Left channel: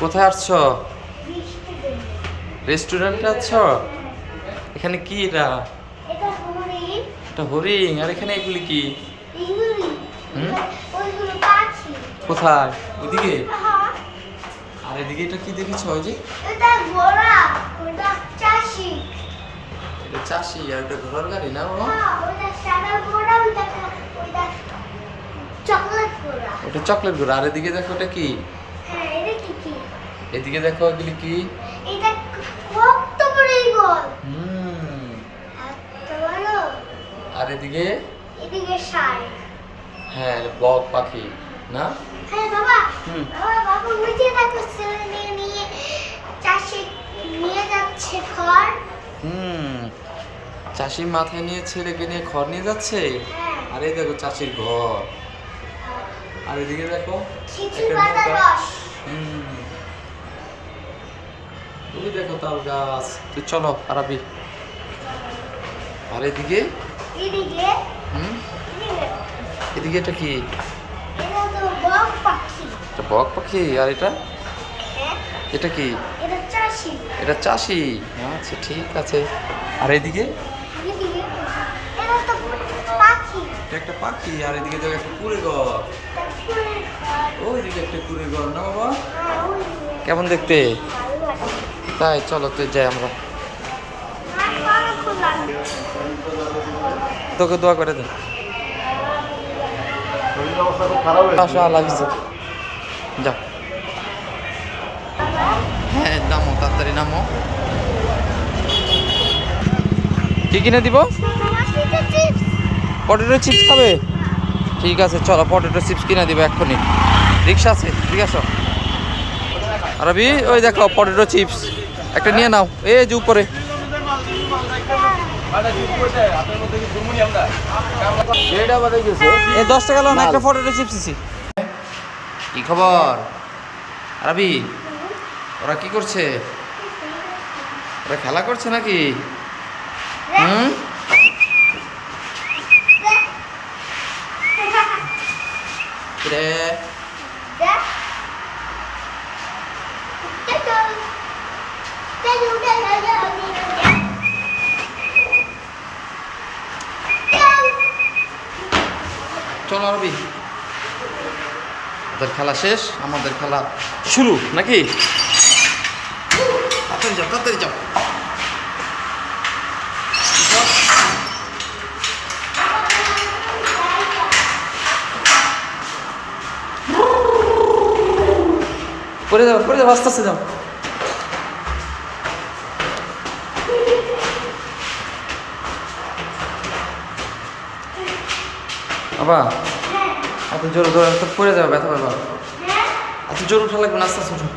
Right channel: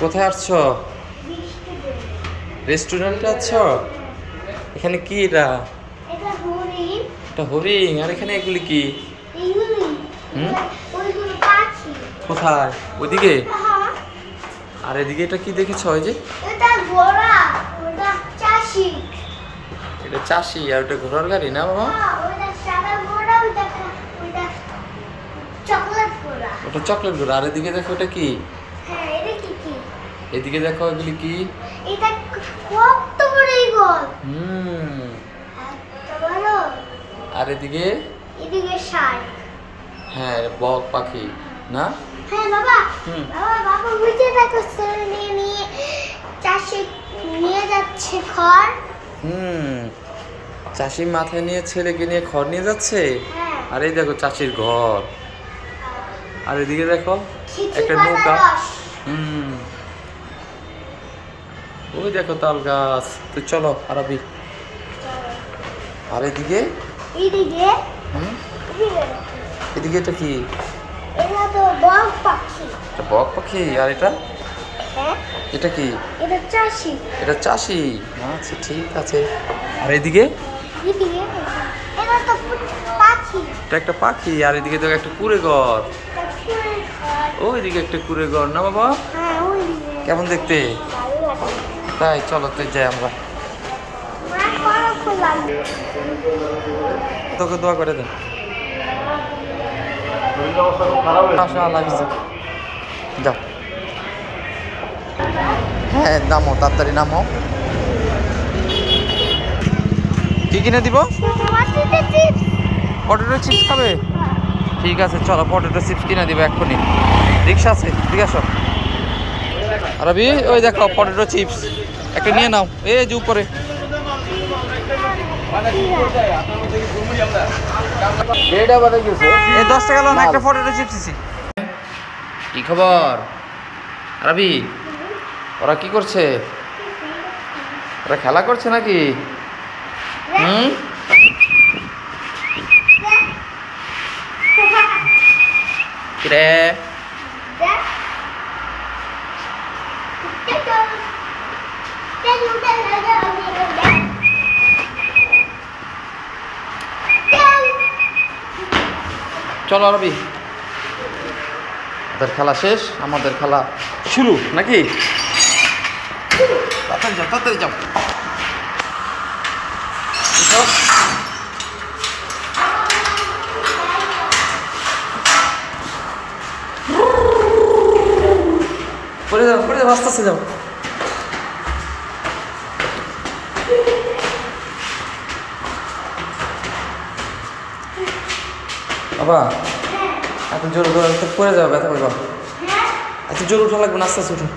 কোথায় আসছো রেস্টুরেন্টে আছো? এখানে কি এটা? এটা হরিণ। আর এখানে এগুলি কি? হুম? কোথায়? ওইদিকে? হ্যাঁ, আর এদিকে এটা কি দেখেছ ওই যে? এটা চাষি। আর এটা ঘোড়ার গাড়ি না বাবা হ্যাঁ, ওটা সাদা ঘোড়া ওটা ওটা চকলেট ঘোড়া ওটা চকলেট ঘোড়া আর এদিকে দেখো ওটা কি? হ্যাঁ এদিকে দেখো এগুলি কি? হুম। আর এদিকে? হ্যাঁ বক পাখি না? হ্যাঁ বাবা। হুম। বাবা বাবা বুঝতে দেখো ছেলে নিয়ে নিয়ে চাষি নিয়ে যাচ্ছে খড়। হুম। চাষি মাথায় নিয়ে ছেলেকে নিয়ে খড় নিয়ে যাচ্ছে? হ্যাঁ। আর এই দেখো চাষির ঘর। আর এদিকে দেখো একটা নৌকা। হুম। ওই দেখো তাল গাছ। তো চলো আরবি আর এদিকে? এদিকে? হুম? এদিকে। এটা কি? এটা তো বক পাখি। এটা বক পাখি আর এটা? হ্যাঁ। এটা কি? এটা চাষি। এটা চাষি? আচ্ছা ঠিক আছে। আর এদিকে? এটা তো একটা পাখি আর এদিকে দেখো একটা কুড়ে ঘর। ওইদিকে একটা কুড়ে ঘর না বাবা? কেমন দেখতে? তাই চলো তো যাই আমরা। তোকে দোয়া করে দে। আশা লাগছে হ্যাঁ নামো তাড়াতাড়ি নামো। কি কিনে দিব? পটেটো চিপস খাবে? ঠিক আছে চলো পটেটো চিপস কিনে দিব এক্ষুনি। রিক্সা আছে ঠিক আছে? আরবি ওই দেখো পটেটো চিপস একটা নিয়ে নাও। এই যে উপরে। এই দশ টাকা লোন একটা পটেটো চিপস দিছি। কি খবর? আরবি ওরা কি করছে? ওরা খেলা করছে নাকি? হুম? কিরে চলো আরবি ওদের খেলা শেষ আমাদের খেলা শুরু নাকি? তাড়াতাড়ি যাও তাড়াতাড়ি যাও। করে যাও করে যাও আস্তে আস্তে যাও। বাবা এত জোর করে তো পড়ে যাবে ব্যথা পাবা এত জোর উঠা লাগবে না আস্তে আস্তে উঠো।